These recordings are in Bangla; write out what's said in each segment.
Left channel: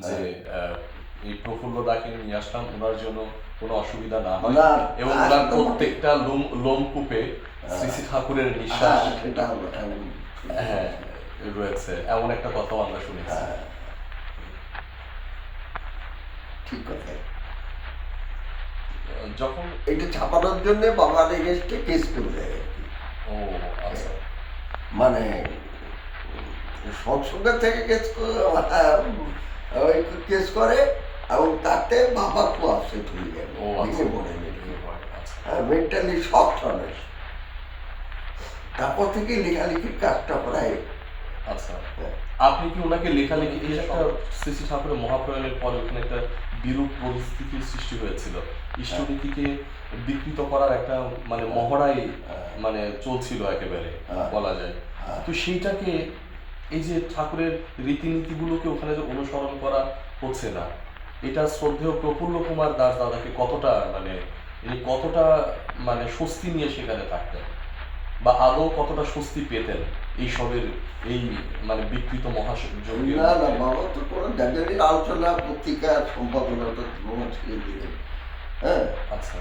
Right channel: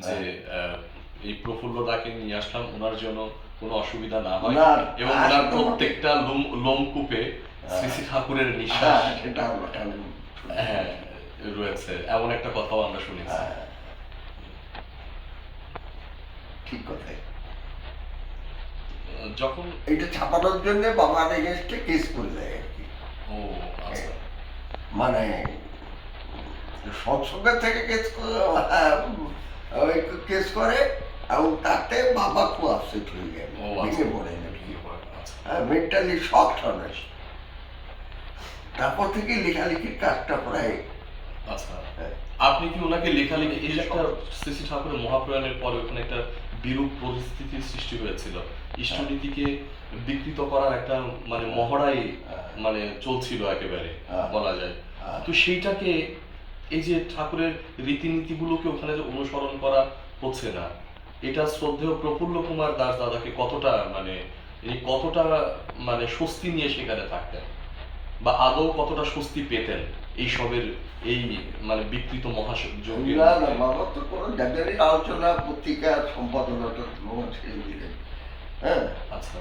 যে আহ, এই প্রফুল্ল ডাকে নিয়ে আসলাম ওনার জন্য কোনো অসুবিধা না হয়। এবং ওনার প্রত্যেকটা লোম লোমকূপে শ্রী শ্রী ঠাকুরের হ্যাঁ নিঃশ্বাস হ্যাঁ রয়েছে। এমন একটা কথাও আমরা শুনেছি। হ্যাঁ। ঠিক কথাই যখন এটা ছাপানোর জন্য বাবার কেস করে দেয় ও আচ্ছা। মানে সৎসঙ্গের থেকে কেস ওই কেস করে এবং তাতে বাবা খুব আপসেট হয়ে ভেঙে পড়ে আচ্ছা। হ্যাঁ মেন্টালি তারপর থেকে লেখালেখির কাজটা প্রায় আচ্ছা। হ্যাঁ। আপনি কি ওনাকে লেখালেখি এই একটা শ্রী ঠাকুরের মহাপ্রয়াণের পরে ওখানে একটা বিরূপ পরিস্থিতির সৃষ্টি হয়েছিল। ইষ্টনীতিকে বিকৃত করার একটা মানে মহড়াই হ্যাঁ। মানে চলছিল একেবারে হ্যাঁ। বলা যায়। হ্যাঁ। তো সেইটাকে এই যে ঠাকুরের রীতিনীতিগুলোকে ওখানে যে অনুসরণ করা হচ্ছে না এটা শ্রদ্ধেয় প্রফুল্ল কুমার দাস দাদাকে কতটা মানে ইনি কতটা মানে স্বস্তি নিয়ে সেখানে থাকতেন? বা আদৌ কতটা স্বস্তি পেতেন এই সবের এই মানে বিকৃত মহাযজ্ঞের না না বাবা তো কোনো জানেনই আলোচনা পত্রিকা সম্পাদনা তো ছেড়ে দিলেন। হ্যাঁ? আচ্ছা।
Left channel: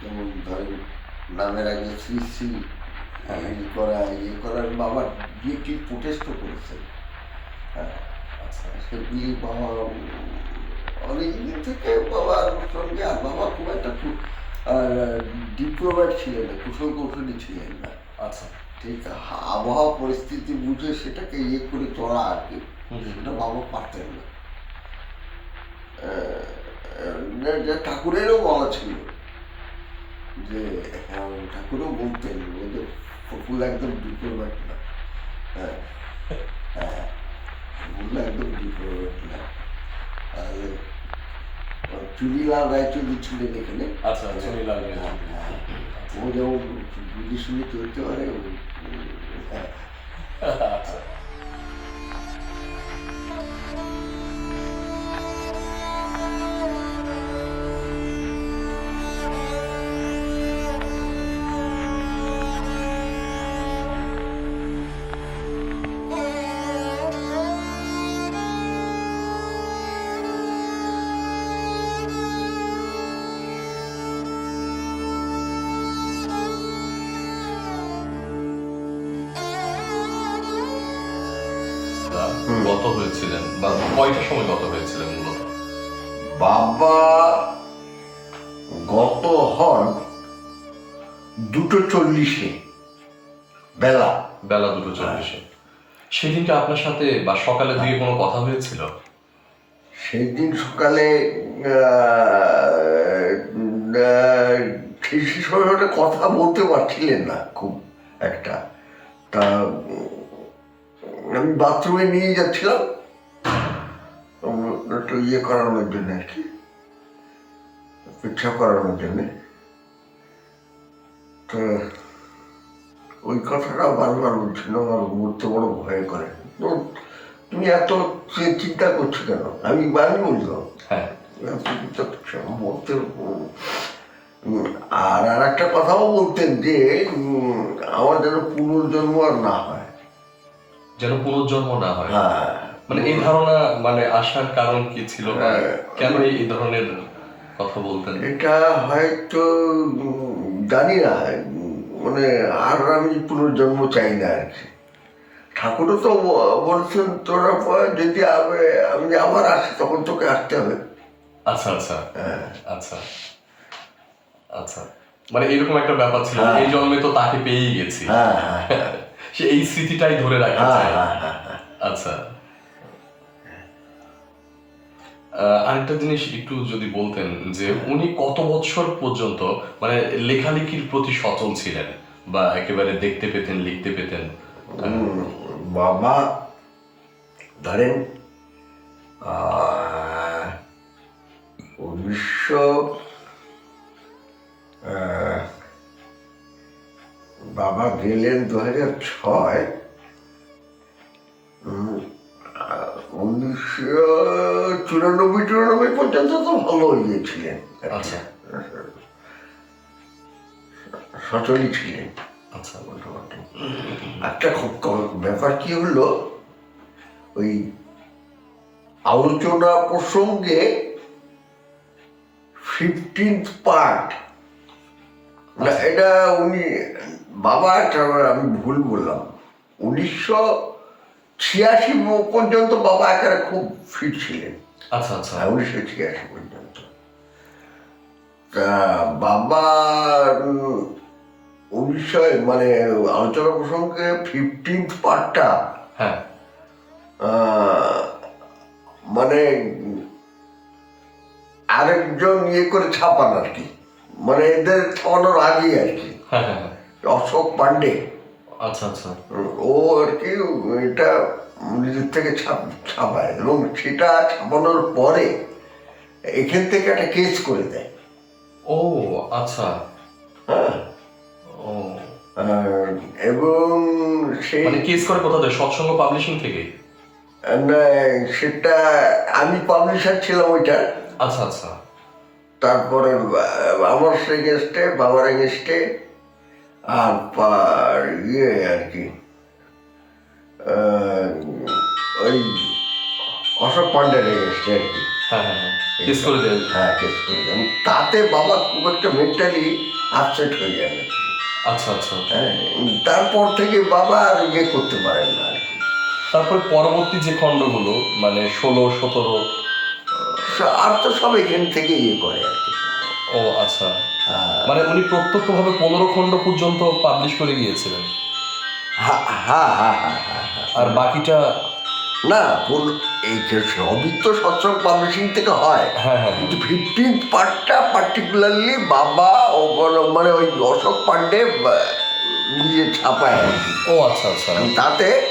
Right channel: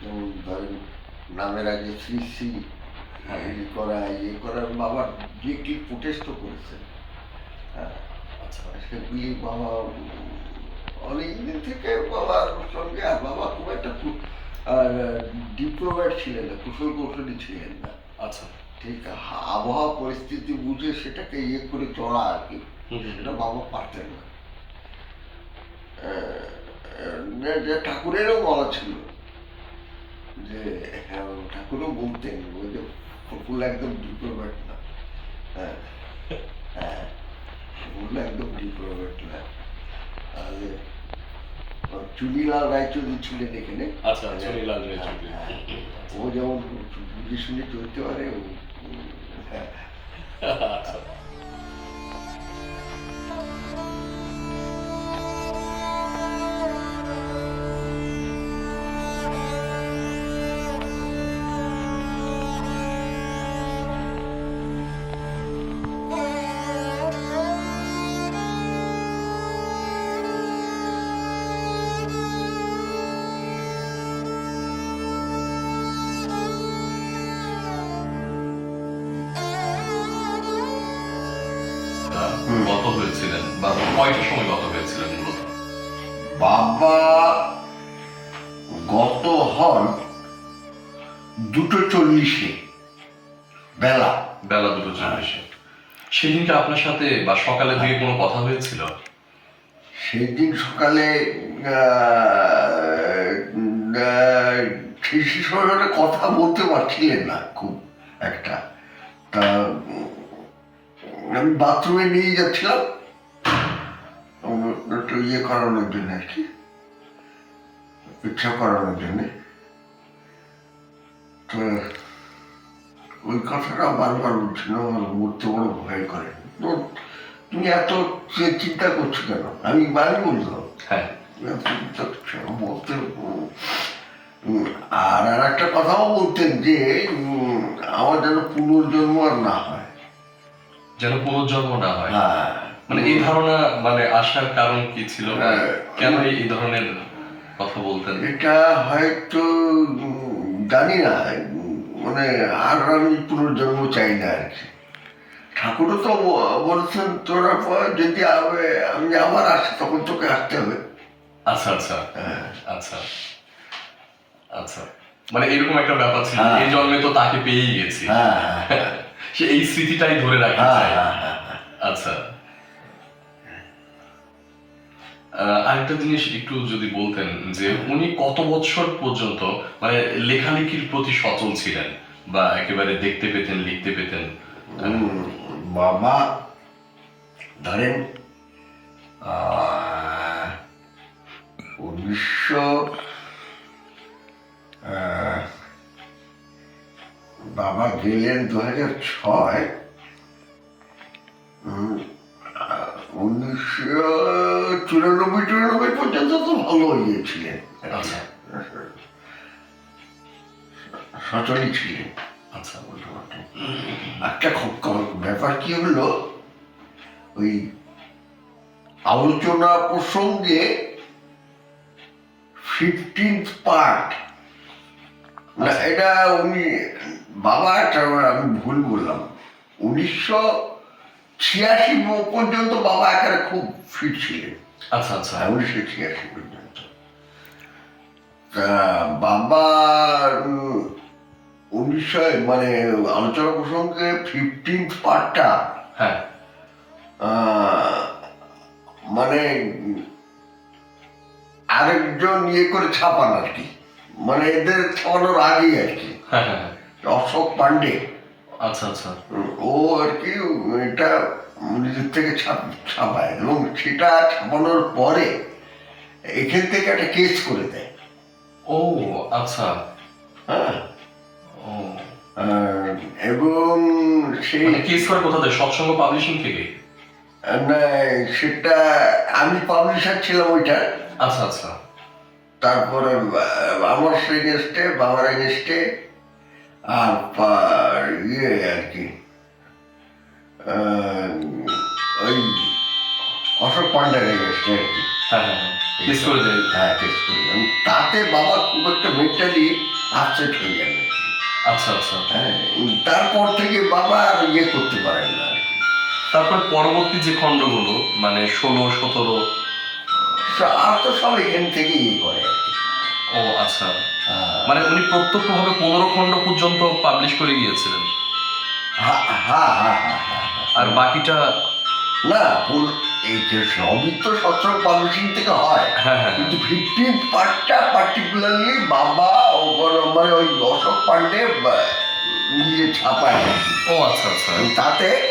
যেমন ধরেন নামের আগে শ্রী শ্রী হ্যাঁ। এই করা ইয়ে করা বাবা প্রোটেস্টও করেছেন হ্যাঁ আচ্ছা। সেগুলি বাবা অনেক দিন থেকে বাবার সঙ্গে আর বাবা খুব একটা ডিপ্লোম্যাট ছিলেন না কুশল কৌশলী ছিলেন না। আচ্ছা। ঠিক আবহাওয়া পরিস্থিতি বুঝে সেটাকে ইয়ে করে চলা আর কি সেটা বাবা পারতেন না। যে- যে ঠাকুরেরও বলা ছিল যে হ্যাঁ ঠাকুরও বলতেন ওই যে ফুল একদম ডিপের বাটলা হ্যাঁ। হ্যাঁ। ফুল একদম ডিপের না। আর চুনিলাল রায়চৌধুরী ছিলেন এখানে আচ্ছা চুনিলাল হ্যাঁ, রায়চৌধুরী। হ্যাঁ। ও যেমন বুঝে শুনে চলতে পারে ও হ্যাঁ। আচ্ছা। হন দুটো চল্লিশে বেলা। বেলা দুটো চল্লিশে। সেদিনকে আপনার সাথে বা সকালে দিকে কোনো কথা হয়েছিল? সেই দিন সকালে কথা বলতে পারছিলেন না খুব একটা। তা আমি বাথরুমে নিয়ে যাচ্ছিলাম। একটু ইয়ে করানোর জন্য আর কি পেচ্ছাপ করানোর জন্য। ওই কথাটা বারবার বলছিল আমার মরতে বড় ভয় করে। তো তুমি এত চিন্তা করছ কেন? আমি আমি বললাম। হ্যাঁ। বলতে আর আর একটা কথাও বলতেন যে আমার যেন পুনর্জন্ম আর না হয়। যেন পুনর্জন্ম না হয়। হ্যাঁ। মানে এই ধারণা মানে আসার কারণ কি ছিল? হ্যাঁ। কেন এই ধরনের কথা বলতেন? এটা হয়তো জানি না মানে আর আমি পুনর্জন্ম চাই না আর কি। ঠাকুরও তো বলছেন তোরা যদি আবে- আমি আবার আসি তখন তোকে আসতে হবে। আচ্ছা আচ্ছা। হ্যাঁ। আচ্ছা। আচ্ছা। মানে এরকম একটা ব্যাপার ছিল। হ্যাঁ। এই জন্মে তো তাকে পেয়েই গেছি। হ্যাঁ হ্যাঁ সে এই স্মৃতিটাই ধরে হ্যাঁ। আচ্ছা। আরেকটা জিনিস একটু যদি বলতেন যে উনি কত বছর পর্যন্ত মানে লেখালেখির প্রতি সচল ছিলেন বা একেবারে দেখতে পেতেন লিখতে পেতেন? বাবা ধরেন আহ, উনিশশো আহ, বাবা গেলেন দু হাজার ছয় চুরানব্বই চুরানব্বই পর্যন্ত তো ভালো ইয়ে ছিলেন আচ্ছা। সচলই ছিলেন। আচ্ছা একটা খুব ব্যাপার কি হলো? ওই আলোচনা প্রসঙ্গে ফিফটিন্থ পার্ট না এটা উনি বাবা একটা আমি ভুল বললাম। উনিশশো ছিয়াশি পর্যন্ত বাবা একেবারে খুব ফিট ছিলেন। আচ্ছা আচ্ছা। উনিশশো ছিয়াশি পর্যন্ত তা বাবা উম, উনিশশো মানে আলোচনা প্রসঙ্গে ফিফটিন্থ পার্টটা হ্যাঁ। মানে আরেকজন ইয়ে করে ছাপান আর কি। মানে এদের ছাপানোর আগেই আর কি। হ্যাঁ হ্যাঁ হ্যাঁ। অশোক পান্ডে আচ্ছা আচ্ছা। ও আর কি এটা নিজের থেকে ছাপ ছাপায় এবং সেটা ছাপানোর পরে এখান থেকে একটা কেস করে দেয়। ও আচ্ছা। হ্যাঁ। ও। এবং সেই মানে কেস করে কোথা থেকে? সৎসঙ্গ পাবলিশিং থেকে? না, সেটা আমি পাবলিশার ছিলাম ওইটা আচ্ছা আচ্ছা। তারপরে আমার এগেনস্টে বাবার এগেনস্টে আর ইয়ে আর কি। ওই অশোক পান্ডের এগেনস্টে আর কি। হ্যাঁ হ্যাঁ হ্যাঁ। করে হ্যাঁ কেস করে দেন। তাতে বাবা খুব একটা মেন্টালি আপসেট হয়ে কি। আচ্ছা আচ্ছা। হ্যাঁ তারপর থেকে বাবা আর ইয়ে করতে পারেন না আর কি। তারপর পরবর্তী যে খণ্ডগুলো মানে ষোলো সতেরো আর তো সব এখান থেকে ইয়ে করে আর কি। ও আচ্ছা। হ্যাঁ। মানে উনি প্রত্যক্ষভাবে পনেরো খণ্ড পর্যন্ত পাবলিশ করে গিয়েছিলেন। হ্যাঁ হ্যাঁ হ্যাঁ হ্যাঁ হ্যাঁ হ্যাঁ। আর বাকিটা? না কোন- এই যে সবই তো পাবলিশিং থেকে হয়। হ্যাঁ হ্যাঁ কিন্তু ফিফটিন পার্টটা পার্টিকুলারলি বাবা ও মানে ওই অশোক পান্ডে বা- নিজে ছাপায়। ও আচ্ছা আচ্ছা। তাতে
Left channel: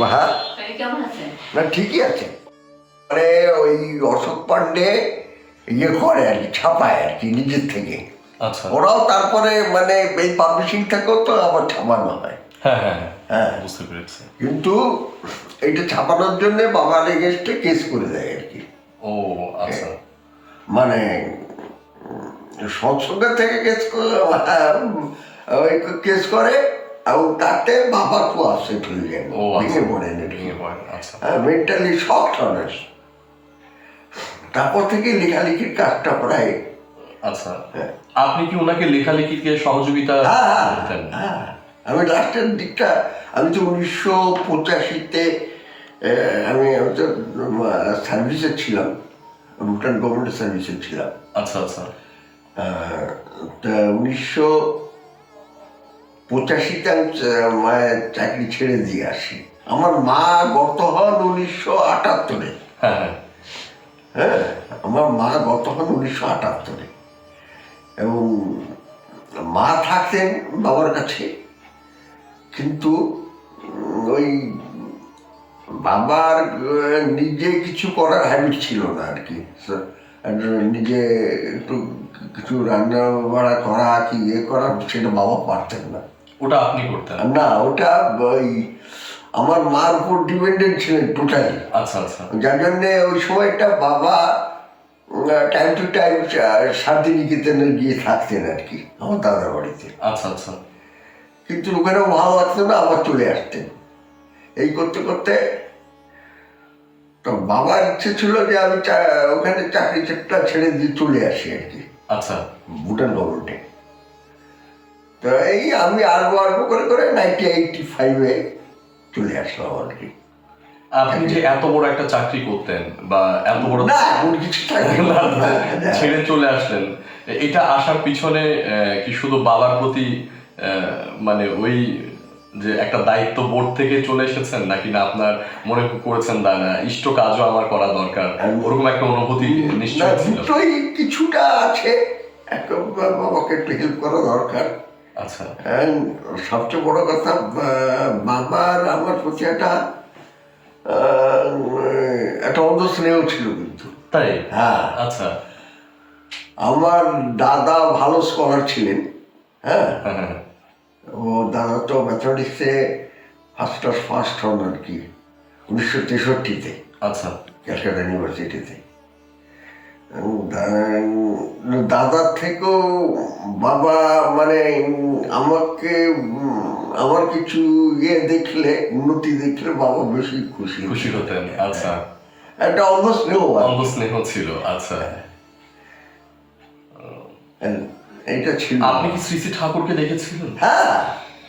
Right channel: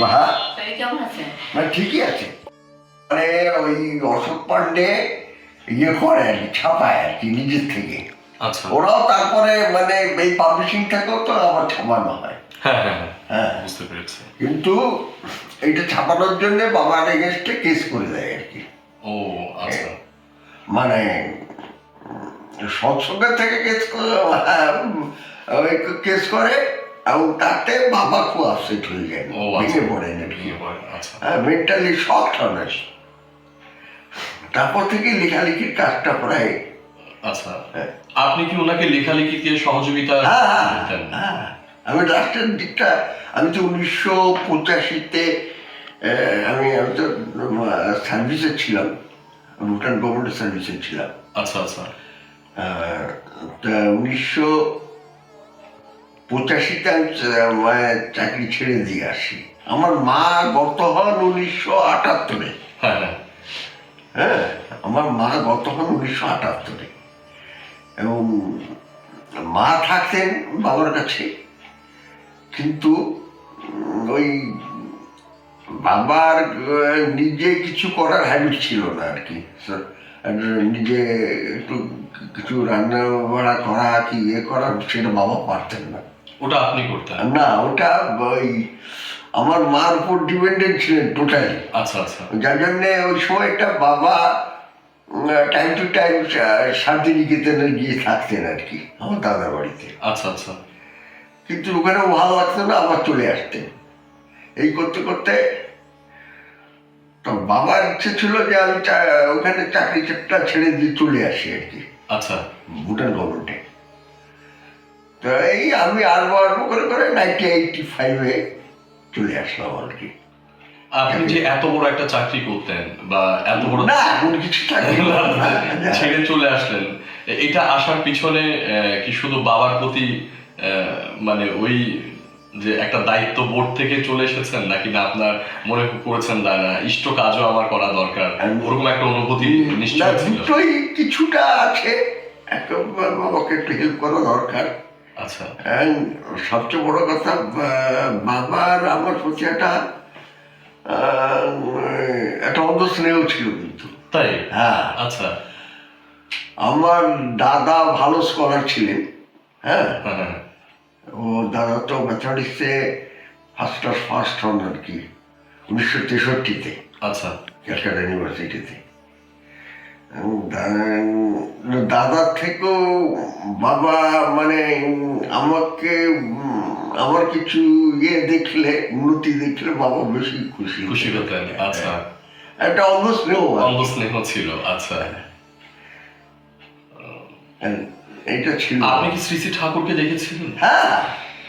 হ্যাঁ। না ঠিকই আছে। মানে ওই অশোক পান্ডে ইয়ে করে আর কি ছাপায় আর কি নিজের থেকে। আচ্ছা। ওরাও তারপরে মানে এই পাবলিশিং থেকেও তো আবার ছাপানো হয়। হ্যাঁ হ্যাঁ হ্যাঁ হ্যাঁ। বুঝতে পেরেছি। কিন্তু এইটা ছাপানোর জন্য বাবার এগেনস্টে কেস করে দেয় আর কি। ও আচ্ছা। মানে সৎসঙ্গের থেকে কেস ওই কেস করে এবং তাতে বাবা খুব আপসেট হয়ে যায়। ও ভেঙে আচ্ছা ভেঙে পড়ে, হ্যাঁ মেন্টালি শক হন তারপর থেকে লেখালেখির কাজটা প্রায় আচ্ছা। আপনি কি ওনাকে লেখালেখিতে সহযোগিতা হ্যাঁ হ্যাঁ, হ্যাঁ। আমি লাস্টের দিকটা আমি তো উনিশশো পঁচাশিতে আমি আমি তো সার্ভিসে ছিলাম। ভুটান গভর্নমেন্ট সার্ভিসে ছিলাম। আচ্ছা আচ্ছা। তা উনিশশো পঁচাশিতে আমি মায়ের চাকরি ছেড়ে দিয়ে আসি। আমার মা গত হন উনিশশো আটাত্তরে। হ্যাঁ হ্যাঁ। হ্যাঁ আমার মা গত হন উনিশশো আটাত্তরে। এবং মা থাকতেন বাবার কাছে। কিন্তু ওই বাবার নিজে কিছু করার হ্যাবিট ছিল না আর কি। নিজে একটু কিছু রান্না বাড়া করা কি ইয়ে করা সেটা বাবা পারতেন না। ওটা আপনি করতেন? না ওটা ওই আমার মার উপর ডিপেন্ডেন্ট ছিলেন টোটালি আচ্ছা আচ্ছা। যার জন্য ওই সময়টা বাবা টাইম টু টাইম শান্তিনিকেতনে গিয়ে থাকতেন আর কি আমার দাদার বাড়িতে। আচ্ছা আচ্ছা। কিন্তু ওখানেও ভালো লাগতো না আবার চলে আসতেন এই করতে করতে তো বাবার ইচ্ছে ছিল যে আমি ওখানে চাকরি চাকরিটা ছেড়ে দিয়ে চলে আসি আর কি। আচ্ছা। ভুটান গভর্নমেন্টে। তো এই আমি আরবো আরবো করে করে নাইনটি এইটটি ফাইভে চলে আসলাম আর কি। আপনি যে এত বড় একটা চাকরি করতেন বা এত বড় না কিছু। ছেড়ে চলে আসলেন। এটা আসার পিছনে আহ, কি শুধু বাবার প্রতি মানে ওই যে একটা দায়িত্ব বোর্ড থেকে চলে এসেছেন নাকি না আপনার মনে করেছেন না না ইষ্ট কাজও আমার করা দরকার ওরকম একটা অনুভূতি নিশ্চয় দুটোই কিছুটা আছে। বাবাকে একটু হেল্প করা দরকার। আচ্ছা। সবচেয়ে বড় কথা বাবার আমার প্রতি একটা একটা অন্ধ স্নেহ ছিল কিন্তু। তাই? হ্যাঁ। আচ্ছা। আমার দাদা ভালো স্কলার ছিলেন হ্যাঁ। হ্যাঁ হ্যাঁ। ও দাদা তো ম্যাথমেটিক্সে ফার্স্ট ক্লাস ফার্স্ট হন আর কি উনিশশো তেষট্টিতে আচ্ছা। ক্যালকাটা ইউনিভার্সিটিতে। দাদার থেকেও বাবা মানে আমাকে আমার কিছু ইয়ে দেখলে উন্নতি দেখলে বাবা বেশি খুশি খুশি হতেন আচ্ছা। একটা অন্ধ স্নেহ অন্ধ স্নেহ ছিল আচ্ছা। এটা ছিল। আপনি কি শ্রী শ্রী ঠাকুরকে দেখেছিলেন? হ্যাঁ।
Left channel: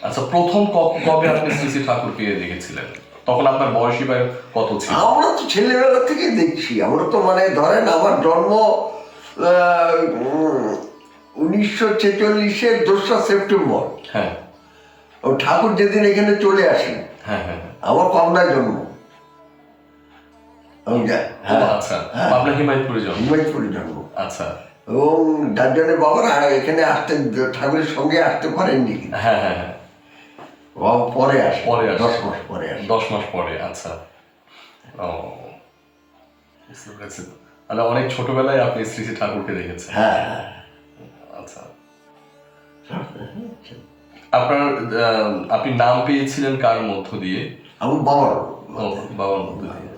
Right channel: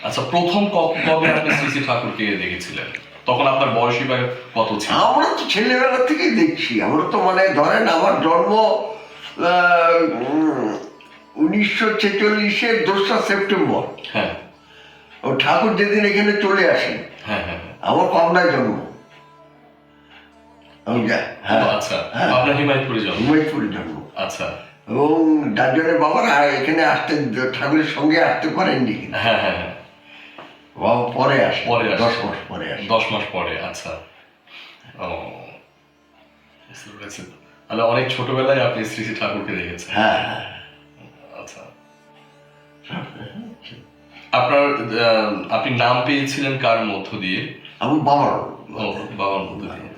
আচ্ছা প্রথম কবে আপনি শ্রী শ্রী ঠাকুরকে দেখেছিলেন? তখন আপনার বয়সী বা কত ছিল? আমরা তো ছেলেবেলা থেকেই দেখছি। আমরা তো মানে ধরেন আমার জন্ম উনিশশো ছেচল্লিশের দোসরা সেপ্টেম্বর। হ্যাঁ। ও ঠাকুর যেদিন এখানে চলে আসেন হ্যাঁ হ্যাঁ হ্যাঁ। আমার কমনায় জন্ম। হ্যাঁ আচ্ছা। আপনার হিমায়তপুরে জন্ম। হুমায়ুপুরে জন্ম। আচ্ছা। এবং যার জন্য বাবারা এখানে আসতে ঠাকুরের সঙ্গে আসতে পারেননি। হ্যাঁ হ্যাঁ হ্যাঁ। বাবা পরে আসে পরে আসে। দশ মাস পরে আসে। দশ মাস পরে আচ্ছা। ও বুঝতে পেরেছি। তাহলে অনেক ছোটবেলায় আপনি শ্রী শ্রী ঠাকুরকে দেখেছেন। হ্যাঁ হ্যাঁ। আচ্ছা। আপনার আপনি নাম পেয়েছিলেন কার মধ্য দিয়ে? আমার বাবার বাবার মধ্য দিয়ে।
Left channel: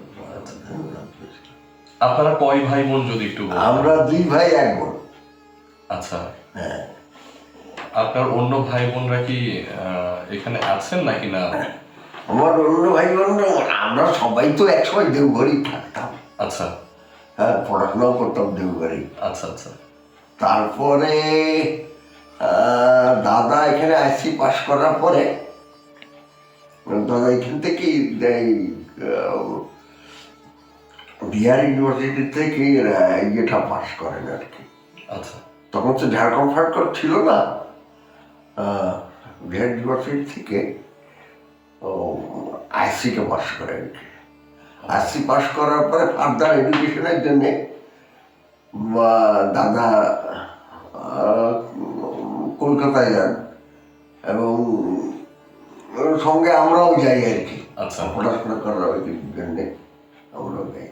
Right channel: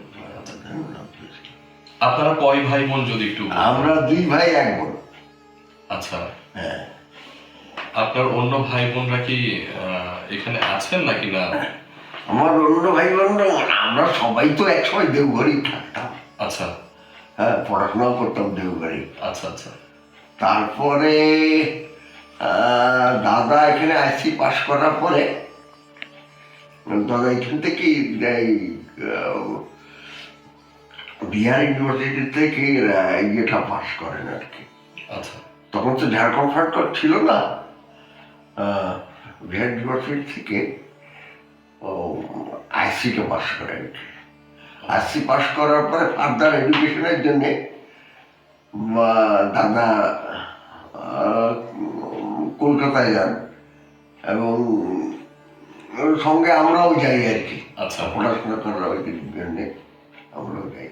আপনারা কয় ভাই বোন যদি একটু বলতেন? আমরা দুই ভাই এক বোন। আচ্ছা। হ্যাঁ। আপনার অন্য ভাই বোনরা কি আহ, এখানে আছেন নাকি না? আমার অন্য ভাই বোন আমরা সবাই তো একসময় দেওঘরেই থাকতাম। আচ্ছা। হ্যাঁ পড়াশোনাও করতাম দেওঘরেই। আচ্ছা আচ্ছা। তারপরে আহ, দাদা এখানে আইসি পাশ করার পরে দাদা এখান থেকেই এই, আহ, বিহার ইউনিভার্সিটি থেকে ইয়েটা পাশ করেন আর কি। আচ্ছা। তখন তো ঝাড়খণ্ড ফাড়খণ্ড ছিল না। বিহার ইউনিভার্সিটি থেকে আইসিকে পাস করে আর কি। আইসি পাস করার পরে ফার্দার এডুকেশনের জন্যে দাদা কলকাতায় যান। এবং সঙ্গে আমরাও যাই আর কি। আচ্ছা। পড়াশোনা করার জন্যে আমরাও যাই।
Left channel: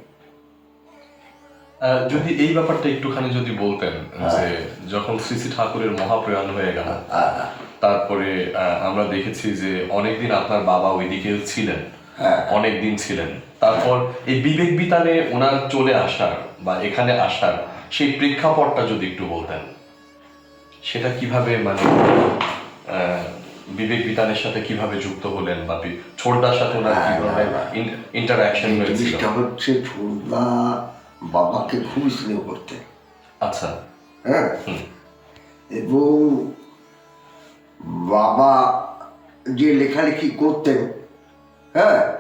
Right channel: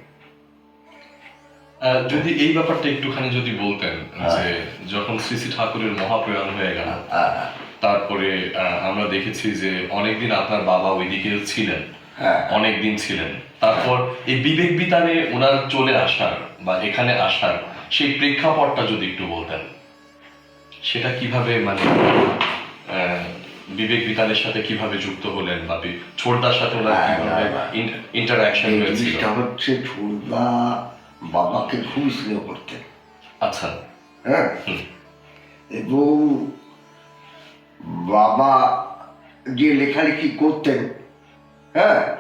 যদি এই ব্যাপারটা একটুখানি যদি বলতেন যে যখন শ্রী শ্রী ঠাকুরের মহাপ্রয়াণ হয়ে গেল তারপরে আমরা দেখেছি যে অনেকদিন আপনার বাবা ওইদিকে ছিলেন হ্যাঁ অনেক দিন ছিলেন। তারপর এই বিবেক বিতানে ওনার চলে আসার বা এখানে আসার সেই প্রেক্ষাপটটা যদি একটু বলতেন সেটা কীভাবে মানে বিবেক বিতানের সাথে কীভাবে যুক্ত হলেন বা ছোটদার সাথে ওনার কীভাবে ইন্টারাকশন হয়েছিল? হচ্ছে ছোটদা বাবাকে খুব স্নেহ করতেন। আচ্ছা। হ্যাঁ? এবং বাবা যে লেখালেখি করতেন হ্যাঁ?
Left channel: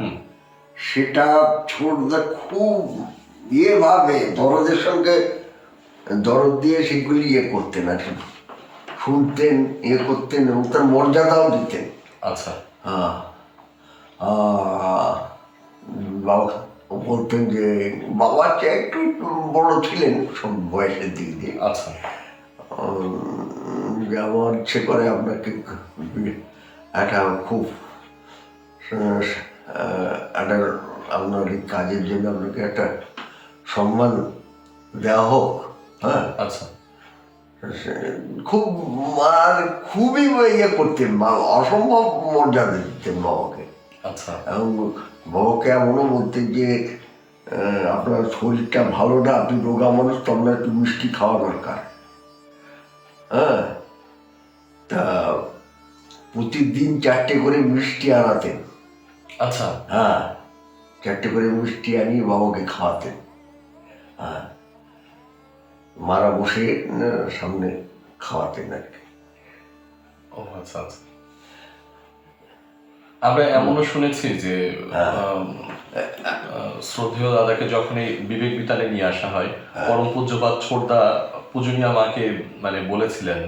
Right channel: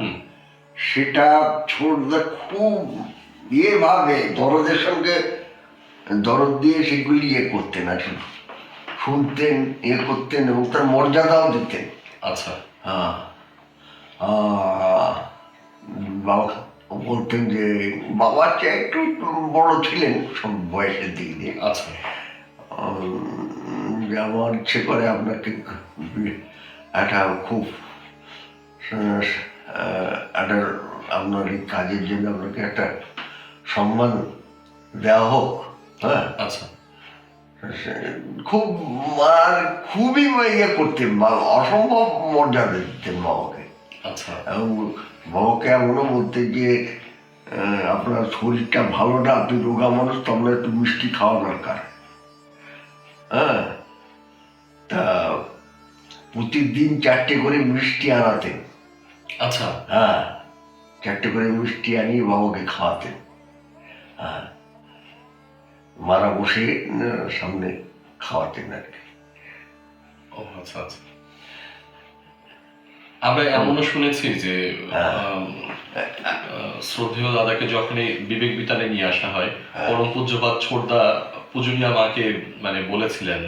সেটা ছোটদা খুব ইয়ে ভাবে দরদের সঙ্গে দরদ দিয়ে সেগুলি ইয়ে করতেন আর কি। শুনতেন ইয়ে করতেন এবং তার মর্যাদাও দিতেন। আচ্ছা। হ্যাঁ। বাবা বলতেন যে বাবার চেয়ে একটু বড় ছিলেন সব বয়সের দিক দিয়ে। আচ্ছা। আমার ইচ্ছে করে আপনাকে একটা খুব একটা আপনার এই কাজের জন্য আপনাকে একটা সম্মান দেওয়া হোক হ্যাঁ? আচ্ছা। খুব আর খুবই ইয়ে করতেন বা- অসম্ভব মর্যাদা দিতেন বাবাকে। আচ্ছা। এবং বাবাকে এমনও বলতেন যে আহ, আপনার শরীরটা ভালো না আপনি রোগা মানুষ তো আপনার একটু মিষ্টি খাওয়া দরকার। হ্যাঁ? তা প্রতিদিন চারটে করে মিষ্টি আনাতেন। আচ্ছা। হ্যাঁ চারটে করে মিষ্টি আনিয়ে বাবাকে খাওয়াতেন। হ্যাঁ মারা বসে সামনে খাওয়াতেন আর কি। ও আচ্ছা আচ্ছা। আমরা এমনও শুনেছি যে হ্যাঁ। শ্রদ্ধেয় দাদাকে যখন এই বিবেক বিতানে নিয়ে আসা হয় হ্যাঁ। পরম পূজ্যপাত ছোটদা পূজনীয়া মাকে মানে বলেছিলেন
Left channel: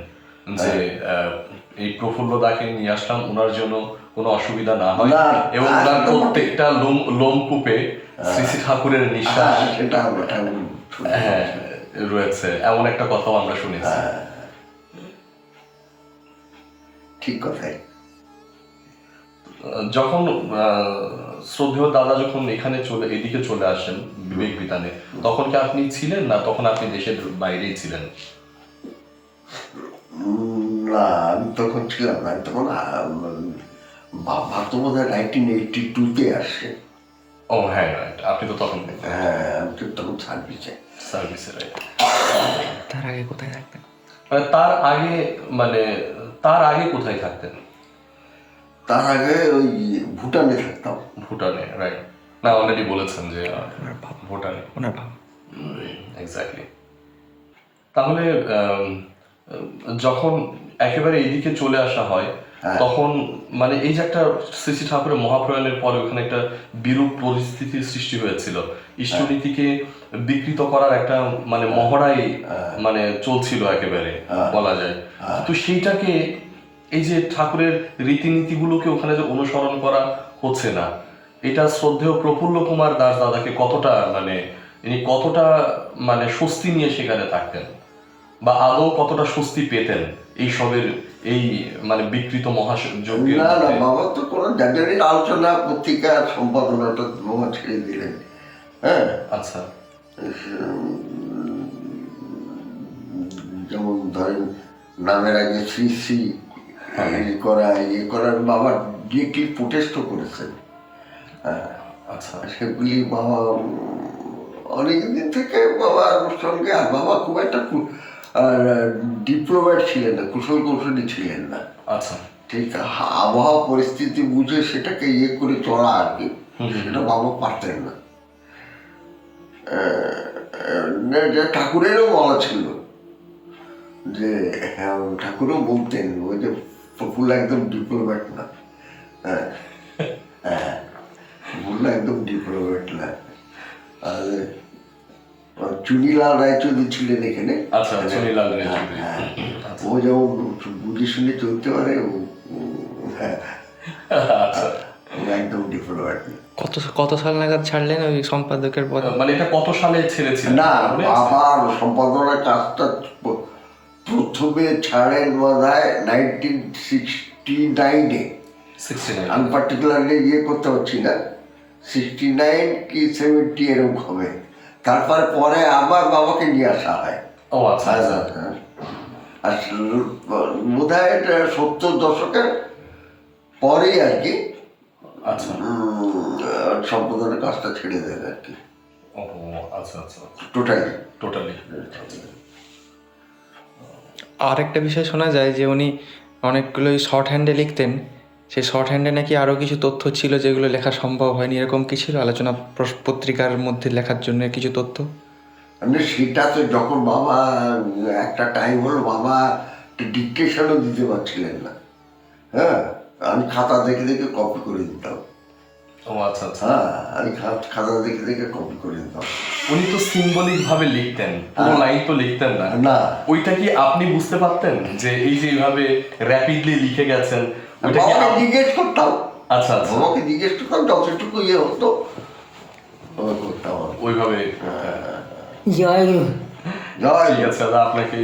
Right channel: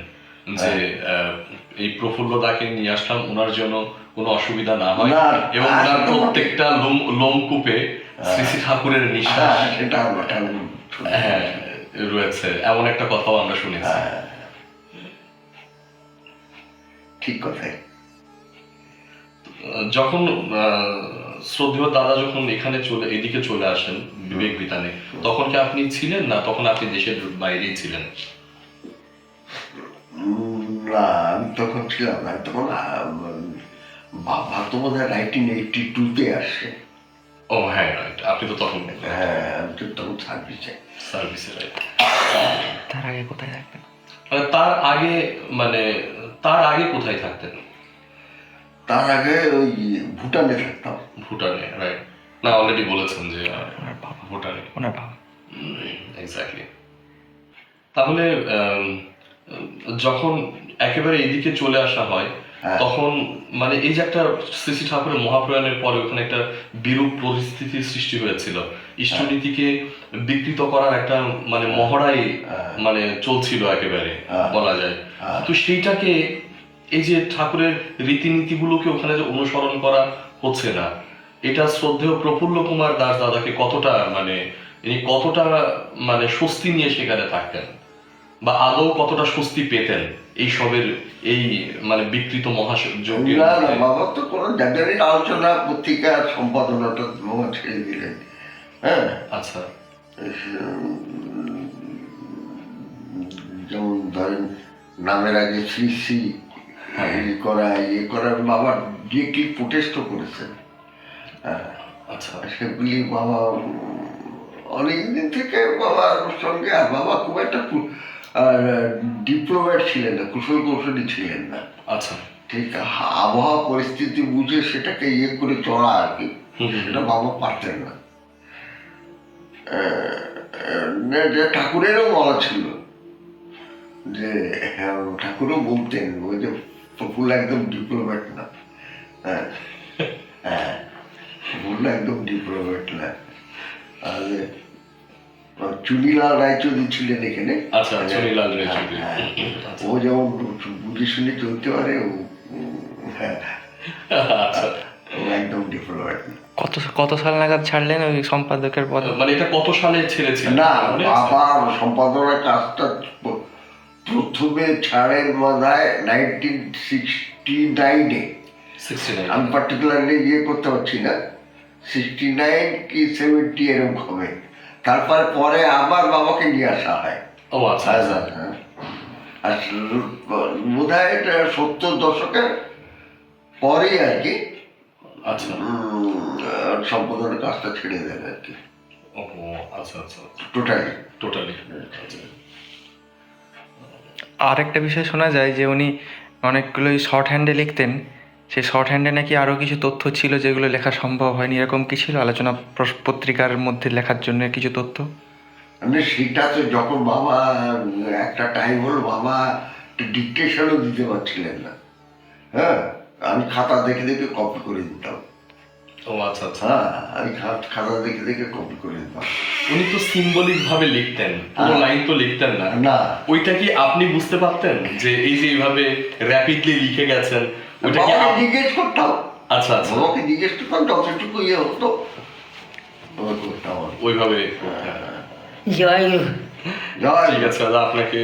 যে হ্যাঁ। এই প্রফুল্ল দাকে নিয়ে আসলাম ওনার জন্য কোনো অসুবিধা না হয়। এবং ওনার প্রত্যেকটা লোম লোমকূপে শ্রী শ্রী ঠাকুরের নিঃশ্বাস হ্যাঁ সেটা হ্যাঁ রয়েছে। এমন একটা কথাও আমরা শুনেছি। ঠিক কথাই। যখন শ্রদ্ধেয় দাদা যখন এখানে চলে এদিকে চলে আসেন বিবেক বিতানে তখন কি আপনি ছিলেন না তখন আপনি দেশের বাইরেই ছিলেন? না আমি তখন ছিলাম না। তখন বাবা তো বোধ হয় নাইনটিন এইটটি টুতে আসছে ও হ্যাঁ রাইট আপনি তো তখন হ্যাঁ আমি তো তখন সার্ভিসে সার্ভিসে তার আগে কোথায় থাকতেন? তার আগে মানে তার আগে কোথায় থাকতেন? তার আগে ওই ভুটানে থাকতাম। ভুটানে রাইট না অলরেডি বলেছেন যে ওনার বাবা। ভুটানে। ওনার বাবা। এক্স্যাক্টলি তাহলে যখন একেবারে এইদিকে চলে আসা হয় হ্যাঁ। তখন মানে এই যে একটা শ্রী শ্রী ঠাকুরের মহাপ্রয়াণের পরে ওখানে একটা বিরূপ পরিস্থিতির সৃষ্টি হয়েছিল। ইষ্টনীতিকে বিকৃত করার একটা মানে মহড়াই মানে চলছিল একেবারে হ্যাঁ। বলা যায়। হ্যাঁ। তো সেইটাকে এই যে ঠাকুরের রীতিনীতিগুলোকে ওখানে যে অনুসরণ করা হচ্ছে না এটা শ্রদ্ধেয় প্রফুল্ল কুমার দাস দাদাকে কতটা মানে ইনি কতটা মানে স্বস্তি নিয়ে সেখানে থাকতেন? বা আদৌ কতটা স্বস্তি পেতেন এই সবের এই মানে বিকৃত মহাযজ্ঞের না না বাবা তো কোনো জায়গায় আলোচনা পত্রিকা সম্পাদনাটা বাবা ছেড়ে দিলেন। হ্যাঁ? আচ্ছা। যেমন ধরেন নামের আগে শ্রী শ্রী করা ইয়ে করার বাবা ডিরেক্টলি প্রোটেস্টও করেছেন। হ্যাঁ আচ্ছা। সেগুলি বাবা অনেকদিন থেকে বাবার সঙ্গে আর বাবা খুব একটা ডিপ্লোম্যাট ছিলেন না কুশল কৌশলী ছিলেন না। আচ্ছা। ঠিক আবহাওয়া পরিস্থিতি বুঝে সেটাকে ইয়ে করে চলা আর কি। সেটা বাবা পারতেন না। যে ঠাকুরেরও বলা ছিল যে হ্যাঁ, ঠাকুরও বলতেন ওই যে প্রফুল্ল একদম ডিপ্লোম্যাট না। হ্যাঁ। হ্যাঁ। প্রফুল্ল একদম ডিপ্লোম্যাট না। আর চুনিলাল রায়চৌধুরী ছিলেন এখানে। আচ্ছা চুনিলাল রায়চৌধুরী। হ্যাঁ, আচ্ছা। ও যেমন বুঝে শুনে চলতে পারে ও হ্যাঁ, আচ্ছা। একদম ডিপ্লোম্যাট না। কত কত সাল নাগাদ ছাড়লেন ওই সম্পাদকের পদ? মানে এটা কত সালে ছেড়েছিলেন? না? বাবা সম্পাদনার কাজটা প্রথমে ছাড়েন বোধহয় নাইনটিন সিক্সটি নাইনে 69 আমি পার্টিকুলারলি ইয়ে করতে পারছি না। সিক্সটি নাইন কি সেভেন্টি এরকম হবে। তারপরে পরে আবার বাবাকে নিয়ে আসা হয়। ও আচ্ছা। হ্যাঁ। আর বোধ হয় এটা সত্তর দশকের পরেই আর কি আচ্ছা। সম্পাদনার কাজটা ছেড়ে দেন আর কি। আচ্ছা আচ্ছা। টোটালি টোটালি আর একটা বিষয় শোনা যায় যে উনি অনেকগুলোই শর্ট হ্যান্ডে লিখতেন। সেই শর্ট হ্যান্ডে নাকি আরও কিছু তথ্য ছিল যেগুলো লেখা সম্ভব হয়নি। এরকম কি ছিল? আলোচনা পত্রিকার মধ্যে লেখার জন্য কিছু তথ্য? মানে সেটা তো যখন বাবা একটা টাইম হলো বাবা ডিকটেশনও দিতে পারছিলেন না। হ্যাঁ? আমি খাতা দেখে দেখে কপি করে দিতাম। ও আচ্ছা আচ্ছা। হ্যাঁ আমি খাতা দেখে দেখে কপি করে দিতাম। উনি তো সিম্বলিক ভাবে লিখতেন পুরো হ্যাঁ। লাইন তো লিখতেন না। না। ওইটা কি আপনি বুঝতে পারতেন যে এই যে এইভাবে র্যাপিডলি লিখে গেছেন ওইটা কি জিজ্ঞেস করতাম। আচ্ছা আচ্ছা। বাবাকে জিজ্ঞেস করতাম যতটুকু ইয়ে হতো করতাম ওইভাবে জয় গুরু। জয় ঠিক আছে আপনাকে